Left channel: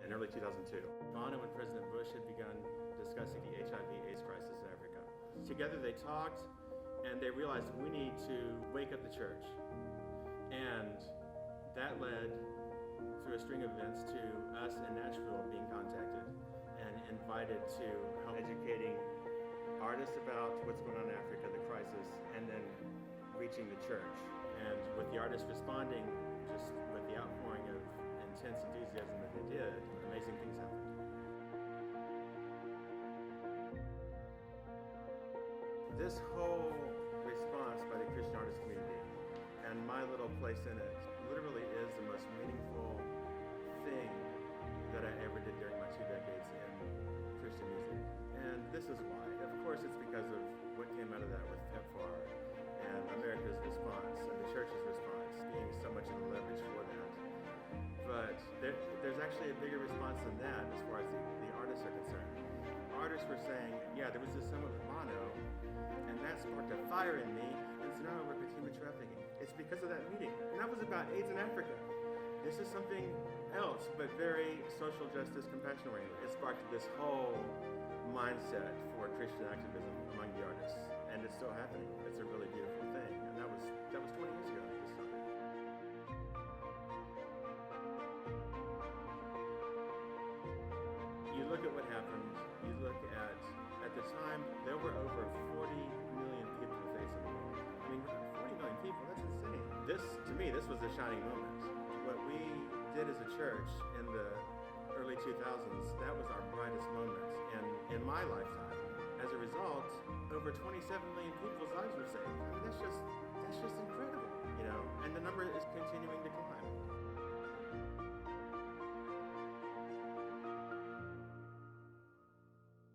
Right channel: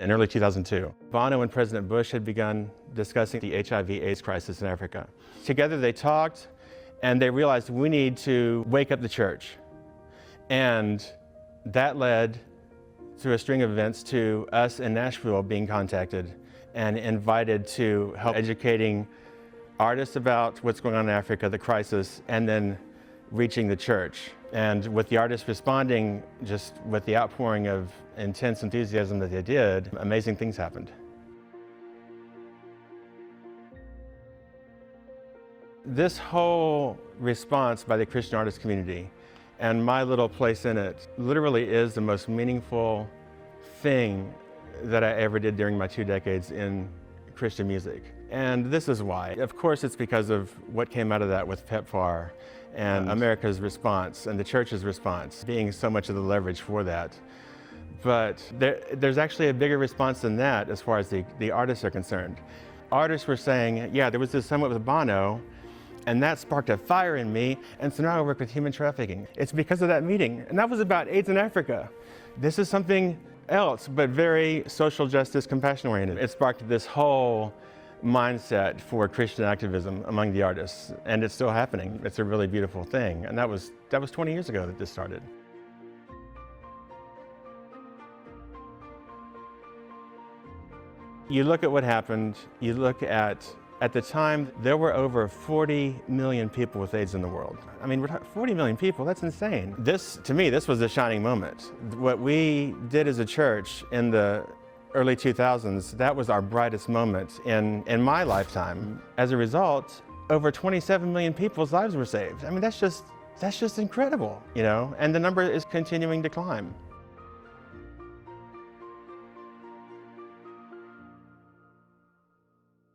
in early 2002. Bono and President Bush had begun discussing the HIV/AIDS crisis in Africa. Together they talked and they realized we need to wake up the church. And that led through a string of events to us in Nashville being contacted and invited to help educating artists about what's going on in Africa, the crisis, and then reaching the church. And with the artists responding, just with the outpouring of intense enthusiasm that they did, amazing things happened. This whole response by the Christian artist community and my little place in it literally is the most meaningful thing that I ever did during my 2 decades in Christian music. And this is why. Of course, it's because of what came out of that with PEPFAR and America's response and the church's response being so much of the leverage for that. But there's actually a bigger response than that as far as the artists are concerned. Artists were saying, yeah, there was this summit with Bono, and that sparked a fire in me, and so now I work with human trafficking. It's because of that meeting, and that was about AIDS in Africa. This is something else, but very social justice, compassion-oriented. It sparked this whole mindset for Christian activism among the artists, and it's still happening. It's a really beautiful thing, and that was 20 years ago that this started. You look at what happened, you look at the time, there were over 40 million people with AIDS in the world. I mean, we're talking 40 million people, that's insane. To me, this was a shining moment. What we did as a church in the early 2000s, that was our brightest moment in my lifetime. As a result, over 27 million people's lives were saved. I mean, that's just incredible, you know? And the number is continuing to climb.